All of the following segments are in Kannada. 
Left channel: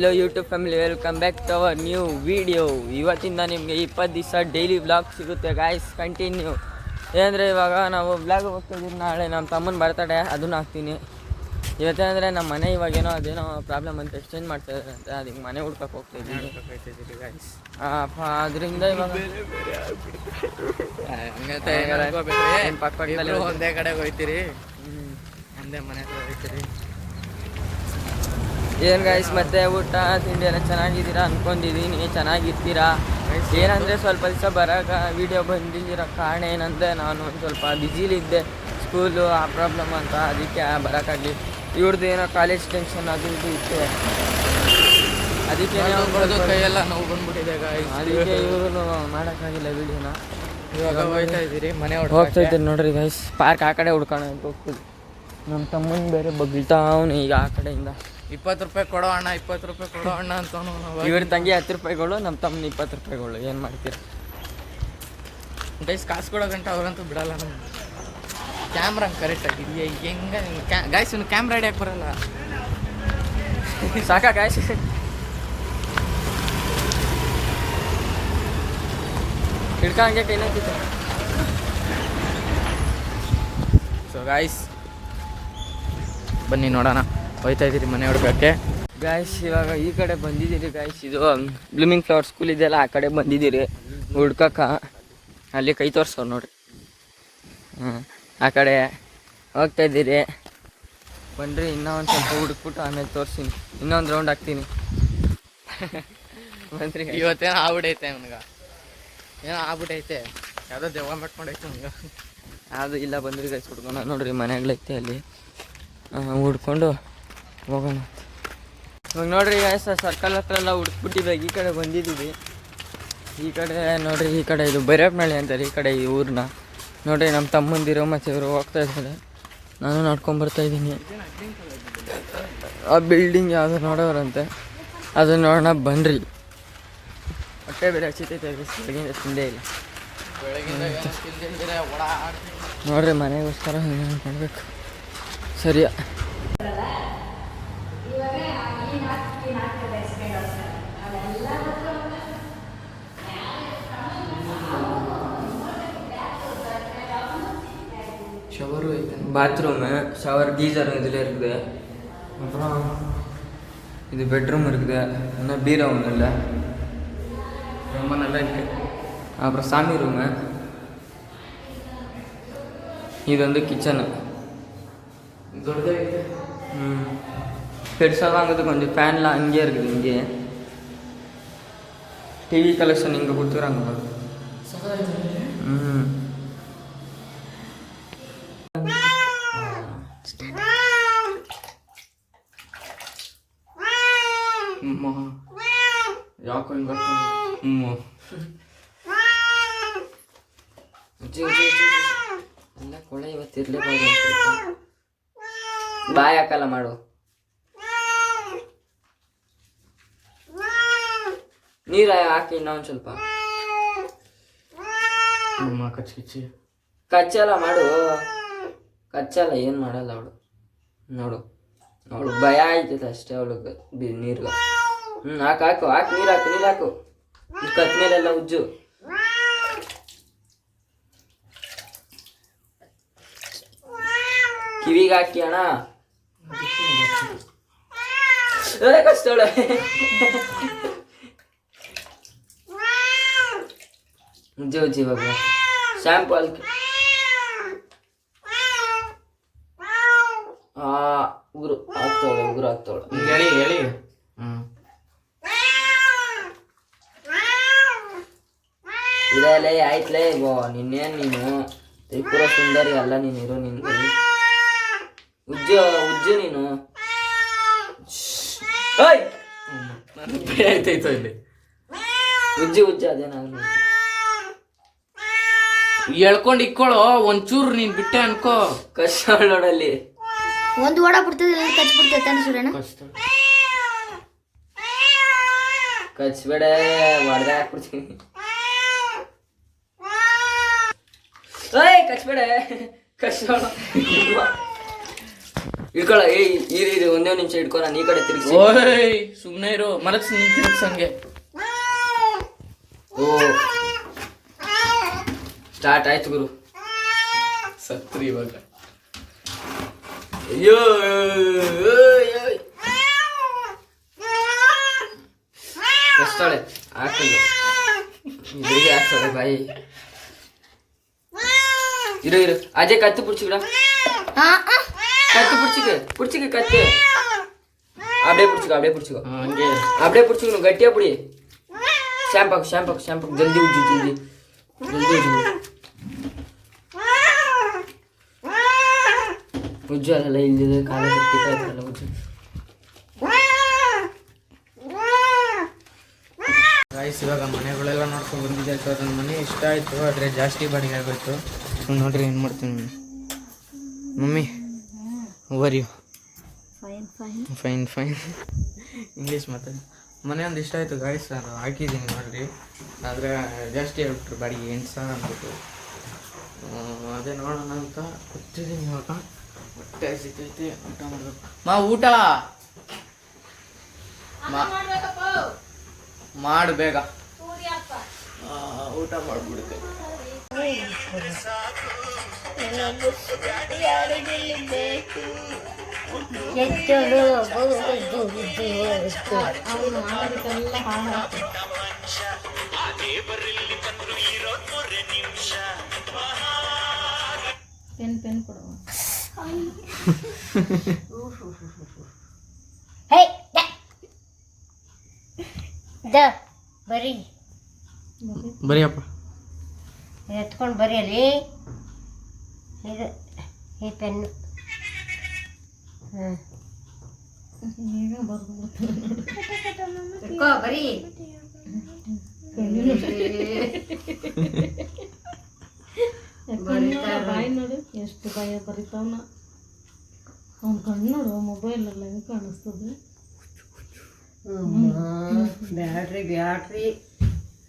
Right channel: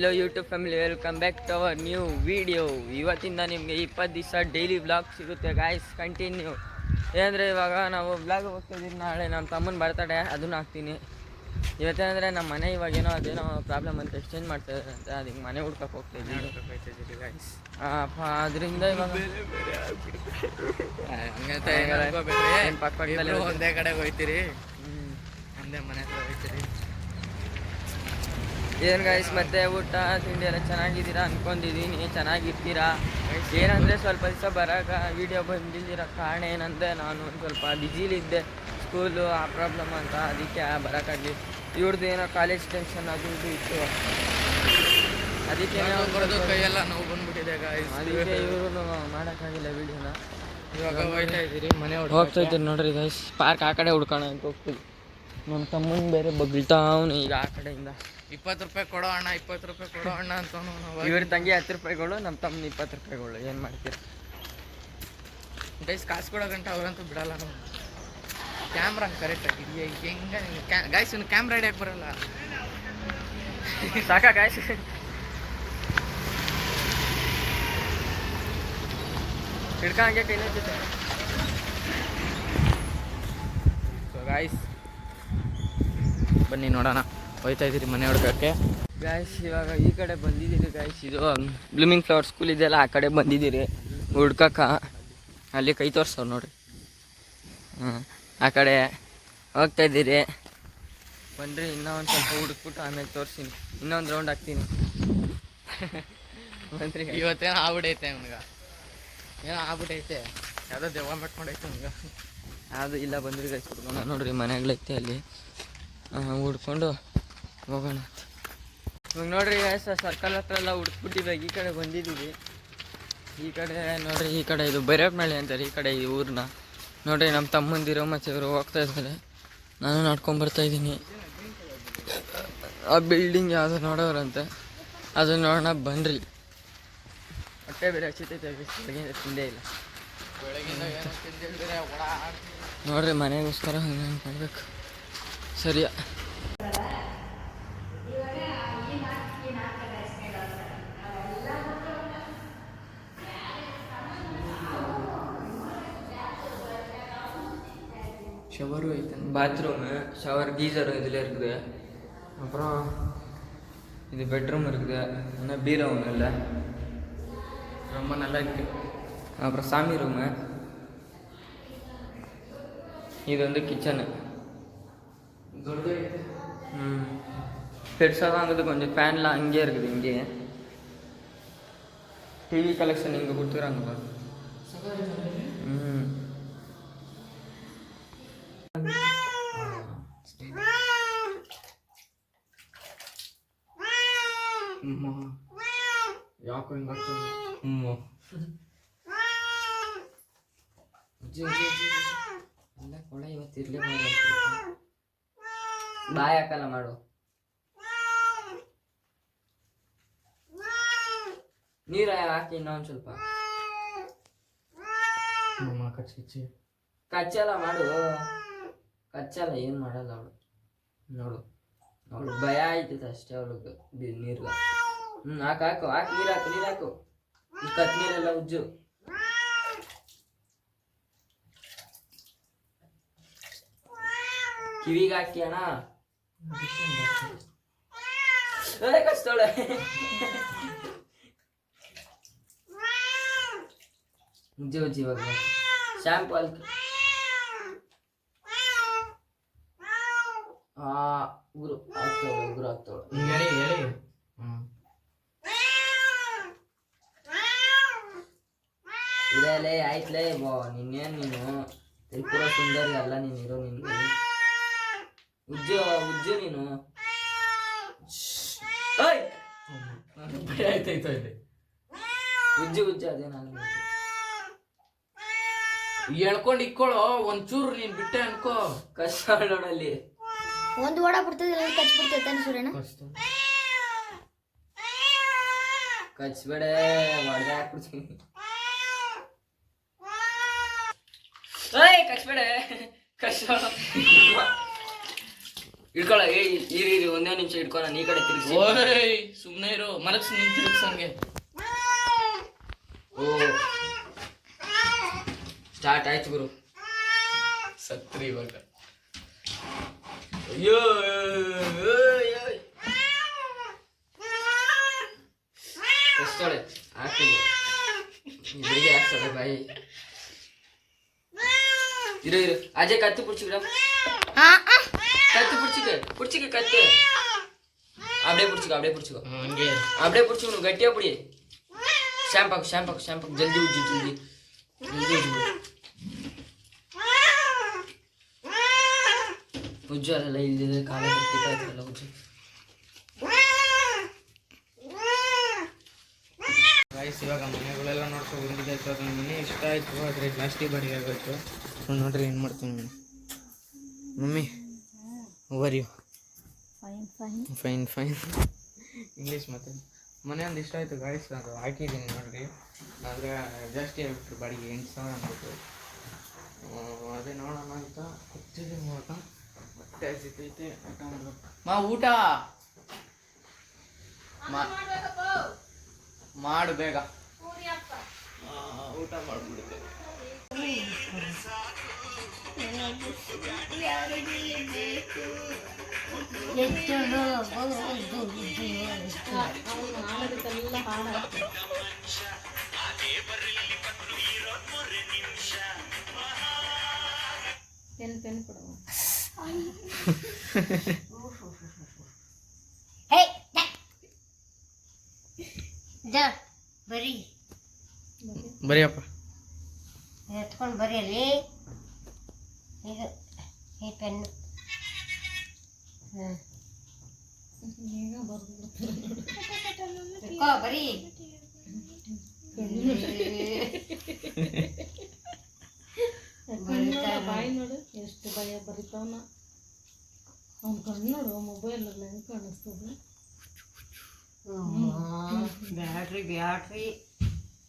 Hello YouTube family, welcome back to our new video. ಇವತ್ತಿಂದ ನಿಮಗೆ 20 ದಿವಸ ಡೈಲಿ ವ್ಲಾಗ್ ಸಿಗುತ್ತೆ ಗಾಯ್ಸ್, ಕಂಟಿನ್ಯೂ. ಏನಂದರೆ ಇವಾಗ ನಾವು ವ್ಲಾಗ್ ಹೋಗ್ತಾಯಿದ್ದೀವಿ. ನಾಳೆ ನಮ್ಮ ತಮ್ಮನ ಬರ್ತಡೇ, ಅದನ್ನು ಹಾಕ್ತೀನಿ. ಇವತ್ತೇನಂದರೆ ನಮ್ಮ ಮನೆ ಇವಾಗೇನೋ ಅದೇನೋ ಪ್ರಾಬ್ಲಮ್ ಅಂತ ಎಕ್ಸ್ಚೇಂಜ್ ಮಾಡ್ತಾಯಿದ್ದಾರೆ ಅಂತ, ಅದಕ್ಕೆ ಮನೆ ಹುಡ್ಕಕ್ಕೆ ಹೋಗ್ತಾಯಿದ್ದೀವಿ ಗಾಯ್ಸ್. ಅದರಿಂದ ಇವಾಗ ಏನು ಪಕ್ಕದಲ್ಲಿ ಒಂದೇ ಕಡೆಗೆ ಹೋಗ್ತೀರಿ, ಒಂದೇ ಮನೆ ಕಡೆ ಹೋಗ್ತೀರಿ. ಏನು ಗಾಯ್ಸ್, ಮತ್ತೆ ಊಟ ತಿಂಡಿ ಎಲ್ಲ ಚೆನ್ನಾಗಿದ್ದೀರಾ ಅಂದ್ಕೊಂಡಿದ್ದೀನಿ, ಚೆನ್ನಾಗಿರ್ತೀರಾ. ಏನಂದರೆ ಸ್ವಲ್ಪ ದಿವಸ ಬರೋಕೆ ವೀಡಿಯೋ ಬಂದಿದ್ದೀರ ಕಾರಣ ಏನಂದರೆ ನಾನು ಒಂದು ಸ್ವಲ್ಪ ಬ್ಯುಸಿಲಿದ್ದೆ, ಸ್ಕೂಲು ಆ ಪ್ರಾಬ್ಲಮ್ ಅಂತ, ಅದಕ್ಕೆ ಬರೋಕ್ಕಾಗಲಿ. ಇವ್ರದ್ದು ಏನೋ ಕಾಲೇಜ್ ಟೆನ್ಷನ್ ಅದು ಇದು ಇತ್ತು, ಅದಕ್ಕೆ ಕೈಯೆಲ್ಲ ನೋವು ಬಂದ್ಬಿಟ್ಟಿದೆ ಗಾಯ್ಸ್. ಅದಕ್ಕೆ ಇವರು ಮಾಡೋಕ್ಕಾಗಿಲ್ಲ ವೀಡಿಯೋನ. ಇವಾಗ ಹೋಗ್ತಾಯಿದ್ದೀರಿ ನೋಡ್ರಿ ಗಾಯ್ಸ್, ಪಾರ್ಕ್ ಆ ಕಡೆ ಹುಡ್ಕೋಣ ಅಂತ ಹೋಗ್ತಿದ್ವಿ. ನಮ್ಮ ತಮ್ಮನ ಬೇರೆ ಬಗ್ತಾವನು ಈಗ ಆ ಕಡೆಯಿಂದ. 20 ರೂಪಾಯಿ ಕೊಡೋ ಅಣ್ಣ, 20 ರೂಪಾಯಿ ಕೊಡೋ ಅಣ್ಣ ಅಂತ. ಇವ್ರ ತಂಗಿ 10 ರೂಪಾಯಿಗಳು, ನಮ್ಮ ತಮ್ಮನ 20 ರೂಪಾಯಿಗಳು. ಏನು ಮಾಡ್ತೀರ ಗೈಸ್, ಕಾಸು ಕೊಡೋ ಗಂಟೆ ಅವ್ರಂತೂ ಬಿಡಲ್ಲ. ನಮ್ಮ ಕ್ಯಾಮ್ರಾ ಕರೆಕ್ಟಾಗಿ ಹೆಂಗೆ ಗಾಯ್ಸ್, ಇನ್ನು ಕ್ಯಾಮ್ರಾ ಹಿಡಿಯಕ್ಕೆ ಬರಲ್ಲ. ಸಾಕಾ ಗಾಯ್ಸ್? ಹಿಡ್ಕೊಂಗೆ ಕೈನೈತಿದೆ. ಸೊ ಗಾಯ್ಸ್, ಬನ್ನಿ ನೋಡೋಣ, ಹೋಯ್ತಾ ಇದ್ದೀರಿ ಮನೆ ಹುಡ್ಕಕ್ಕೆ ಗಾಯ್ಸ್. ಇವಾಗ ಈ ಕಡೆ ಬಂದಿದ್ದೀರಿ ಗಾಯ್ಸ್, ಇದು ಬ್ಲೂಮಿಂಗ್ ಫ್ಲವರ್ ಸ್ಕೂಲ್ ಇದೆಯಲ್ಲ, ಆ ಕಡೆ ಬಂದಿದ್ದೀರಿ ಹುಡ್ಕಕ್ಕೆ. ಅಲ್ಲಿ ಕೈ ತೋರಿಸೋರು ನೋಡ್ರಿ, ಆ ಕಡೆ ಹೋಗ್ತಾಯಿದ್ದೀರಿ. ಬನ್ನಿರಿ, ಇನ್ನೂ ಒಂದು ಸ್ವಲ್ಪ ಹುಡುಕ್ಬಿಟ್ಟು ಆಮೇಲೆ ತೋರಿಸ್ತೀನಿ, ಇನ್ನೊಂದು ರೌಂಡ್ ಹಾಕ್ತೀನಿ. ಬನ್ನಿರಿ. ಇವತ್ತೇನೋ ಆಗ್ಬಿಟ್ಟೈತೆ ನನಗೆ, ಏನೋ ಆಗ್ಬಿಟ್ಟೈತೆ, ಯಾವುದೋ ದೆವ್ವ ಮಾಡ್ಕೊಂಡೈತೆ ನನಗೆ. ಅದು ಇಲ್ಲ, ಬಂದ್ರಿ ಗಾಯ್ಸ್ ಹುಡ್ಕೊಂಡು ನೋಡ್ರಿ, ಮನೆಗಳೈತೆ ಅಲ್ಲಿ, ಹುಡ್ಕೊಂಡು ಹೋಗೋಣ. ಇವಾಗ ನೋಡ್ರಿ ಗಾಯ್ಸ್, ಸರ್ಕಲ್ ಹತ್ರ ಎಲ್ಲ ಹುಡುಕ್ಬಿಟ್ಟಿವಾಗ ಈ ಕಡೆ ಬಂದಿದ್ದೀವಿ. ಈ ಕಡೆ ನೋಡ್ರಿ, ಈ ಕಡೆ ಇದು ಬೈರಪ್ಪನಹಳ್ಳಿ ಅಂತಾರೆ ಈ ಕಡೆ, ಈ ಊರನ್ನ ನೋಡ್ರಿ. ನಮ್ಮ ತಮ್ಮಂದಿರು ಮತ್ತು ಇವರು ಹೋಗ್ತಾ ಇದ್ದಾರೆ, ನಾನು ನಡ್ಕೊಂಬರ್ತಾಯಿದ್ದೀನಿ. ಆ ಬಿಲ್ಡಿಂಗ್ ಯಾವುದು ನೋಡೋರಂತೆ, ಅದನ್ನ ನೋಡೋಣ ಬನ್ನಿರಿ. ಹೊಟ್ಟೆ ಬೇರೆ ಹಚ್ಚಿತೈತೆ, ಬೆಳಗಿಂದ ತಿಂದೇ ಇಲ್ಲ ನೋಡ್ರಿ. ಮನೆಗೋಸ್ಕರ ಮಾಡ್ಬೇಕು ಸರಿಯಾ. ஷவரு, பாத்ரூமு, ஷவர், கீசரும் இதில் இருக்குது. அப்புறம் இது பெட்ரூம் இருக்குது, இன்னும் பீரோ ஒன்றும் இல்லை, ரொம்ப நல்லா இருக்குது. அப்புறம் சாமி ரூமு, இது வந்து கிச்சனு. பெருசாக தான் இருக்குது, கொஞ்சம் ஃபேன்லாம் அங்கேயே இருக்குது. இங்கே டிவி கலெக்ஷன் இங்கே கொடுத்துக்கிறாங்க. ಯಾಕೋ ಹಿಂಗೆ ಎಲ್ಲ ಕೊಳೆ ಇವತ್ತು ಇರಲೇಬಾರ್ದು. ಬಾಯ್ ಹಾಕಲ್ಲ ಮಾಡು. ನೀರು ಹಾಕಿ ಇನ್ನೊಂದು ಸ್ವಲ್ಪ. ಕಚ್ಚಲ್ಲ ಮಾಡು, ಕಚ್ಚಲ್ಲ, ಏನು ಮಾಡಲ್ಲ ಅವಳು. ನೋಡು ಅವಳು ಭಯ ಆಯ್ತೈತೆ ಅಷ್ಟೇ ಅವಳಿಗೆ ನೀರ್ಗೆ. ಹಾಕು ಹಾಕು ಹಾಕಿ, ನೀರು ಹಾಕು, ನೀರು ಹಾಕು. ಕತ್ ಮೇಲೆಲ್ಲ ಉಜ್ಜು. ಕಿವಿಗೆ ಹಾಕಿ ಅಣ್ಣ, ಕಷ್ಟೋಳೆ. ಉಜ್ಜಿ ಉಜ್ಜಿ ಇವಾಗ ಶಾಂಪು ಅಲ್ಕೆ. ಉಗುರು ಹಾಕ್ತವಳೆ, ಉಗುರು ಹಾಕ್ತವಳೆ. ಹೇಳಿ ಹೇಳಿ. ಇದೆಲ್ಲ ಆಯ್ತಲೇ. ನಿನ್ನೇನು ನೀನು ತ್ರಿಪುರ ಸುಂದರಿ ಅಲ್ಲ, ನೀನಿರೋ ನಿನ್ನ ಉಜ್ಜು ಉಜ್ಜು ನೀನು. ಆಯ್ತಾಯ್ತು, ಇಲ್ಲಿ ಉಜ್ಜು ಉಜ್ಜು, ಅದೇನಾಗ ಹೇಳ್ಕೊಂಡು ಇಕ್ಕೊಳ್ಳೋ ಒಂಚೂರು, ನೀನ್ ಬಿಟ್ಟೆ ಅನ್ಕೋ. ಕಷ್ಟ ನೋಡಲ್ಲಿ ಒಂದು ಓಡ ಬಿಡ್ತದೆ, ಕಚ್ ಬಿಡ್ತೈತೆ ಸೂರ್ಯನ. ಕಚ್ಬೇಡ, ಹೊಡೆದ ಹಾಕ್ಬಿಡ್ತೀನಿ. ಕಚ್ಬೇಡ, ಕಷ್ಟ ಇಳ್ಕೊಳ ಇರಿ ಒಂದೇ ನಿಮಿಷ ಇಟ್ಕೊ ನಾನು ಈ ಕಡೆ ತಿರುಗಿಸಿ. ಓಯ್ ಸುಮ್ಮನೆ ಇರು, ಮಲಗ್ಸಿ ನೀನು ತಿರುಗ್ಸಂಗೆ. ಓ ಸ್ಟಾರ್ಟ್ ಆಯ್ತು ಗುರು. ಸತ್ರಿ ಇವಾಗ. ಅಯ್ಯೋ ಕಷ್ಟಳೆ ಹಾಕಲ್ಲ ಬೆಳಿಗ್ಗೆ ಹಾಕ್ತಾಳೆ ಬಾಯಿ. ಇರು ಅಜಯ್ ಕತ್ತಿ ಪುಡ್ಚಿಕಡ, கத்து பிடிச்சிக்க கத்து அப்படியே பிடிச்சிக்கோ ಹಂಗೆ அப்படியே பிடிச்சிக்கணும் கட்டியா பிடி. ஷாம்பாக்கு ஜல்தி உಜ್ಜು ಉಜ್ಜು ಅದೆಲ್ಲ ಇಲ್ಲಿದೆ ಕಾಲ ಕಟ್ಟಿಲ್ಲ ಉಜ್ಜು. ಗೈಸ್ ಇವಾಗ ಮನೆಗಳೆಲ್ಲ ನೋಡ್ಕೊಂಡು ಬಂದಿದ್ದಾಯ್ತು. ಅದನ್ನ ಮನೆ ಇಷ್ಟ ಆಯಿತು, ಆದರೆ ಜಾಸ್ತಿ ಬಾಡಿಗೆ ಆಗೋಯ್ತು. ನೋಡ್ರಿ ಏನು ಮಾಡ್ತೀನಿ mummy. Over you fine English ಮಾತಾಡಿ. ಮನೆ ಒಂದು ಇಷ್ಟ ಆಯಿತು ಗಾಯ್ಸ್, ಅದು ಹಾಕಿದ್ದೀನಿ ನೋಡ್ರಿ. ಆದರೆ ಜಾಸ್ತಿ ಹೇಳ್ಬಿಟ್ರು ಬಾಡಿಗೆ 8,000 ಅಂದ್ಬಿಟ್ಟು. ಅದೇ ನೋಡೋಣ ಅಂತ ಕೂತಿದ್ದೀನಿ. ಇವಾಗ ಹೊಟ್ಟೆ ಸಿಕ್ಕೈತೆ, ಊಟ ಮಾಡಬೇಕು. ಊಟ ಮಾಡು ಬೇಗ, ಊಟ ಮಾಡಿಬಿಡುತ್ತೆ. ಪೆನ್ ಕೊಡುವ. ಬರಿಯಪ್ಪ ಎತ್ಕೊಂಡು ಬರೆಯಲಿ. ಇದು ಈ ಪೆನ್ನು ಬರೀ. ಬಾಯಿ ನೋಡು ಎಷ್ಟು ಭಯ ಬರೀತಾವನ. ಅವ್ನ ಕಣ್ಣು ನೋಡು, ಮೊಬೈಲಲ್ಲ ಹೆಂಗೆ ಕಾಣಿಸ್ತದೆ. ಬ್ಯಾಟ್ರಿ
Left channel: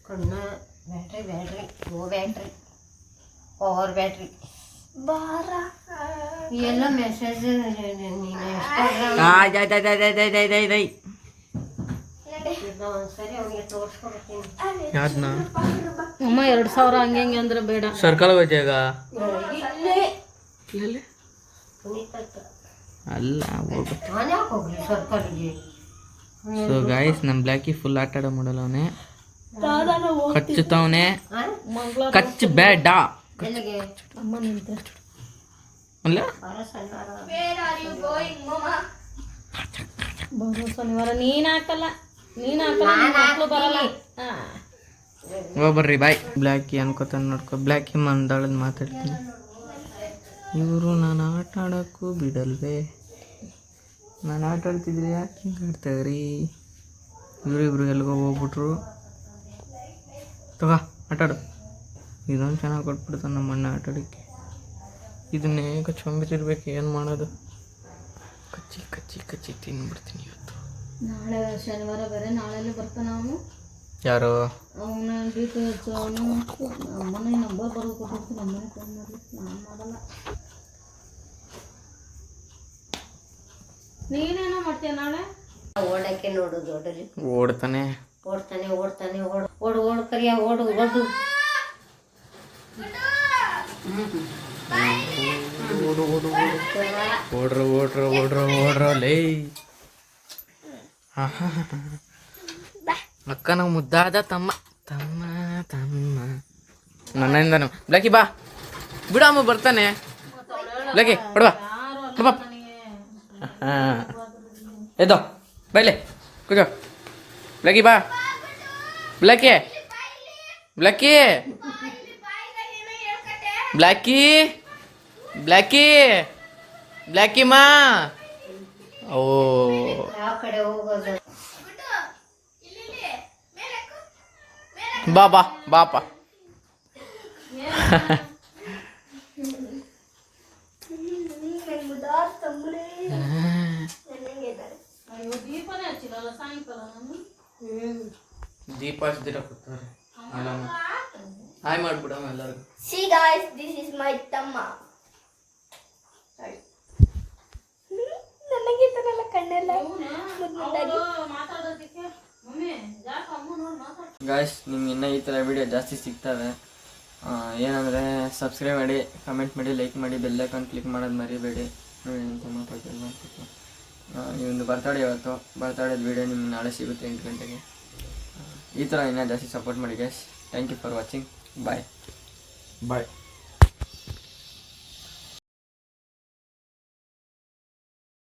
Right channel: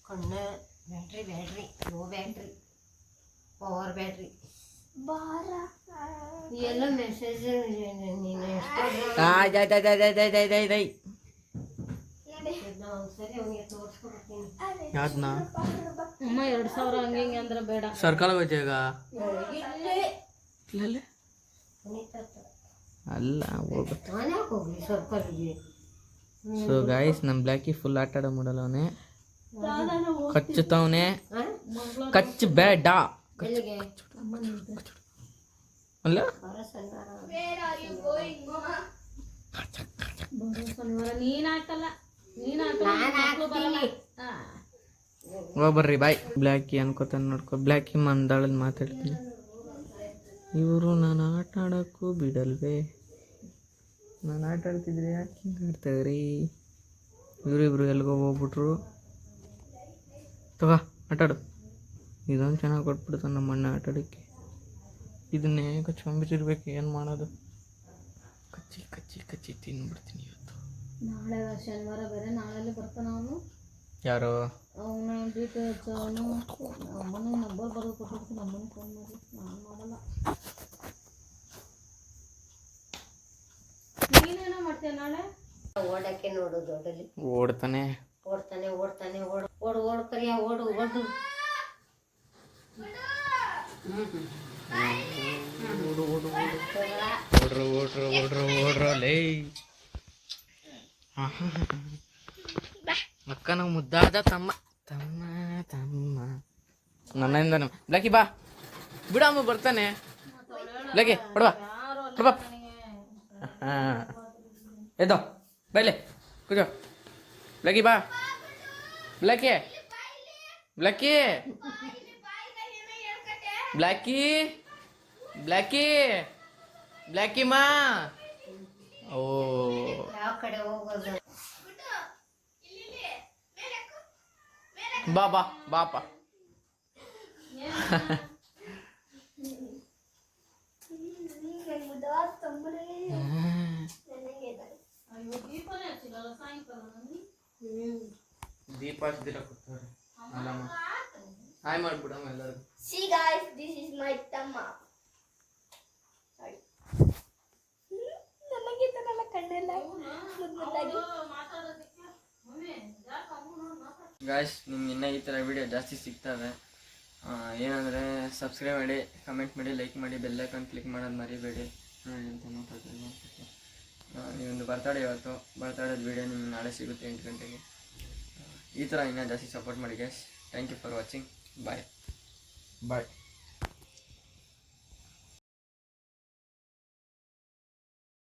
ಕಣ್ಣು battery low battery power battery ಎಲ್ಲ ಮೆಸೇಜ್ ಒಂದ್ಸರಿ ಅವನಿಗೆ ತೋರಿಸ್ಕೊಡ್ತೀನಿ. ಯಾವ್ದನ್ನ ಅಮ್ಮ 2,000 ಹಂಗೆ ಅಂದ್ರೆ ಬೇಡ. ಸರ್ಕಲ್ ಹೋಯ್ತಾಗ ಅಲ್ಲ ಹೋಗ್ಬೇಕು. ನಾನೇ ಹೋಗ್ಲಿ ಸರ್ಕಲ್ಗೆ. ಸೊ ಗಾಯ್ಸ್ ನಮ್ಮ ಬ್ಲ್ಯಾಕಿ ಫುಲ್ ಆಟ ಆಡೋ ಮಾಡಲ್ಲ ಅವನೇ. ಕಚ್ಚುತ್ತವನೇ, ಕಚ್ಚು ಬೇಡ ಎಲ್ಲಿಗೆ ಅಮ್ಮ ನಿಂತೆ ಅಲ್ಲ. ಬರೋ ಶನಿವಾರ ನೀನು ಹಾಕಲ್ಲ ಮಕ್ಕಳು ಬರಲ್ಲ. ಹೋಗ್ಬರ್ರಿ ಬಾಯ್. ಬ್ಲ್ಯಾಕಿ ಅನ್ಕೋತಾನೆ ನೋಡ್ಕೊ. ಬ್ಲ್ಯಾಕಿ ಮಂದಾಳಲ್ಲಿ ಮಾತಾಡ್ತೀನಿ. ಇವರು ನಾನು ಆಟ ಆಡೋಕ್ಕೂ ಬಿಡಲ್ವೇ. ನಾನು ಆಟ ಆಡ್ತಿದ್ರೆ ಯಾಕೆ ಹಿಂಗೆ ಆಡ್ತಾವ್ರಿ? ಇವರಿಬ್ರು ಎಲ್ಗೋ ಹೋಗ್ಬಿಟ್ರು. ತಗೋ ಆಟಾಡು. ಇದೊಂದು ಚೆನ್ನಾಗಿ ಕೊಟ್ಬಿಡ್ತಾನೆ ನಮ್ಮ ಅಣ್ಣ ಆಟ ಆಡೋಕ್ಕೆ. ಇದನ್ನೇ ಕಚ್ಕೊಂಬಿಟ್ಟಿರ್ಬೇಕು, ಏನು ಮಾಡೋದು? ಕಚ್ಚಿ ತಿನ್ಬಿಡ್ತೀನಿ ಇವತ್ತು. ನಾಳೆ ಶನಿವಾರ ಬೇರೆ, ನಾಳೆಲ್ಲೇ ಬರ್ತಾನೆ ಅವನು. ಯಾರು? ಅವನ ಡೀಟೇಲ್ಸ್ ಅವನು ಅಮ್ಮನೇ ನಂಬರ್ ಬರೋದು ಕೊಟ್ಟಿರ್ತೀನಿ. ಅಮ್ಮನೇ ಫೋನ್ ಮಾಡಲಿ, ನಾನು ಮಾಡಲ್ಲ. ನೀನೇನೋ ಮಾಡ್ತೀಯ ನಾಳೆ? ಓಡಕ್ಕೆ ನೋಡು ದೊಡ್ಡಲಿ ಓಡ್ತಾನೆ ಓಡು ಕರಿಯ ಓಡು. ಓಡ್ರ ಲೇ. ಅಕ್ಕನ ಮುದ್ದಾದ ತಮ್ಮ ನನ್ನಿಂದನು. ಬ್ಲ್ಯಾಕಿ ಬಾ ಬಿಡಮ್ಮ, ಬರ್ತಾನೆ. ಬ್ಲ್ಯಾಕಿ ಹೊಡ್ಬಾ. ಎದ್ದೋ ಬೈಲೆ ಕೂಜೋ. ಬ್ಲ್ಯಾಕಿ ಬಾ. ಬ್ಲ್ಯಾಕಿ ಮಾ. ಓ ಯಾವ ಕಡೆ ಹೋಗೋದು? ಬಾಪ. ದೀಪನೇ ಹಚ್ಚಿಲ್ಲ ಸಾಯಂಕಾಲ ನಾನು. ದೀಪ ಹಚ್ಚಿರ ಕೂತಾರೆ. ಹಾಯ್ ಮಾಡ್ಬಿಡಮ್ಮ ಎಲ್ಲರಿಗೂ. See guys, this is my Tamma. Sorry. ಮಾತಾಡೋದಕ್ಕೆ ಮಮ್ಮಿ ಯಾಕೆ ಅಮ್ಮ ನೋಡಿ ಮಾತಾಡ. ಗಾಯ್ಸ್ ನಿಮ್ಗೆ ಇನ್ನೂ ಈ ಥರ ವಿಡಿಯೋ ಜಾಸ್ತಿ ಸಿಗ್ತವೆ. ಏನಂದರೆ ಸಬ್ಸ್ಕ್ರೈಬ್ ಮಾಡಿ, ಕಮೆಂಟ್ ಮಾಡಿ, ಲೈಕ್ ಮಾಡಿ, ಬೆಲ್ಲೈಕನ್ ಕ್ಲಿಕ್ ಮಾಡೋದು ಮರಿಬೇಡಿ. ನೋಡಿ ಅಂತ ಮಾತಾಡ್ತಿಲ್ಲ ನೀವೊಂದು ಬರ್ತಡೇ ಇವತ್ತು, ಬರ್ತಡೇದು ವಿಡಿಯೋ ನಿಮ್ಗೆ ನಾಳೆ ಸಿಗುತ್ತೆ 8 ಗಂಟೆಗೆ. ಈ ಥರ ಇನ್ನೂ ಜಾಸ್ತಿ ಸಪೋರ್ಟ್ ಮಾಡಿ guys. Thank you for watching. Bye.